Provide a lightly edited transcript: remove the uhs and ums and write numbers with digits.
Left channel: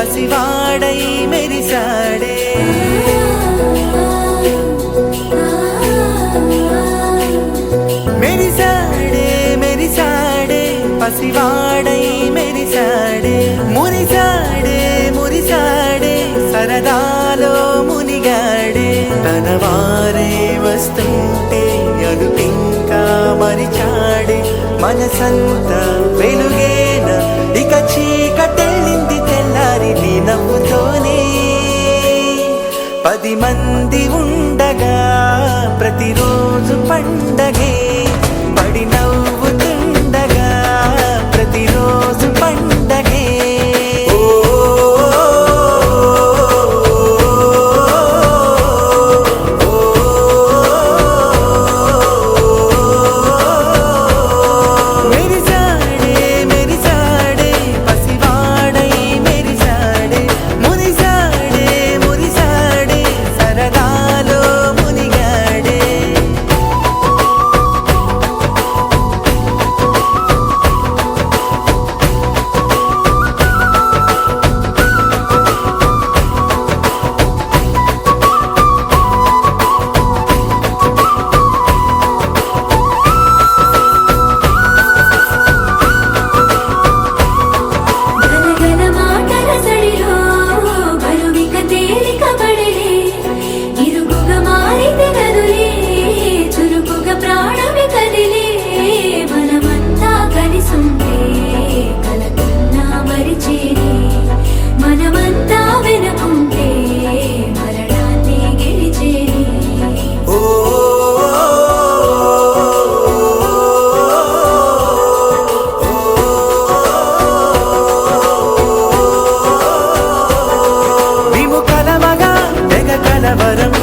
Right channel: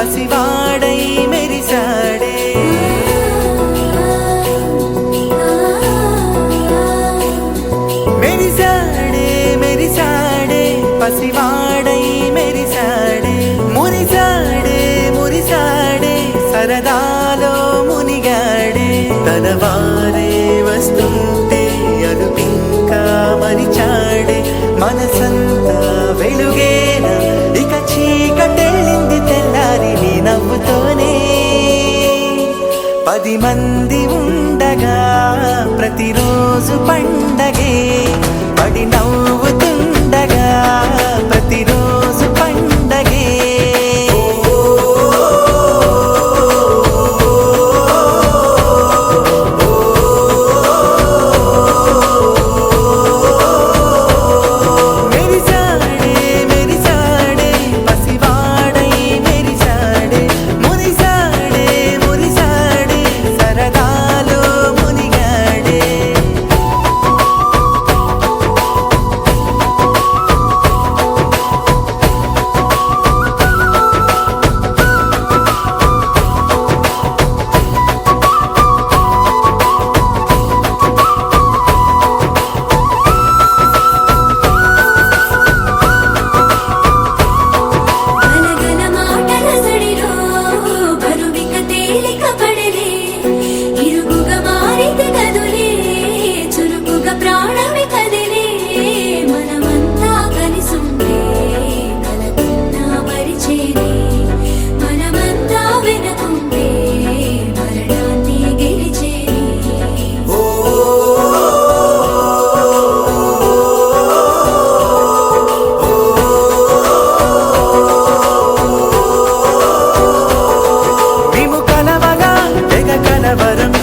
పసివాడై మెరిసాడే మెరిసాడే మెరిసాడే పసివాడై మెరిసాడే మురిసాడే మురిసాడే సరదాలో మునిగాడే తనవారే వస్తుంటే అదుపింకా మరిచాడే మనసంతా వెలుగేన ఇక చీకటెళ్ళింది తెల్లారి నీ నవ్వుతోనే 10 మంది ఉండగా ప్రతిరోజు పండగే పడి నవ్వుతుండగా ప్రతిరోజు పండగే మెరిసాడే మెరిసాడే పసివాడై మెరిసాడే మురిసాడే మురిసాడే సరదాలో మునిగాడే గలగల మాటల సడిలో బరువిక తేలిక పడలే ఇరుగుగా మారితే కదులే చురుకుగా ప్రాణమి కదిలే మనమంతా కలిసుంటే కలకున్నా మరిచేనే మనమంతా వెనకుంటే మరణాన్ని గెలిచేనే మేము కలవగా తెగ కలవరం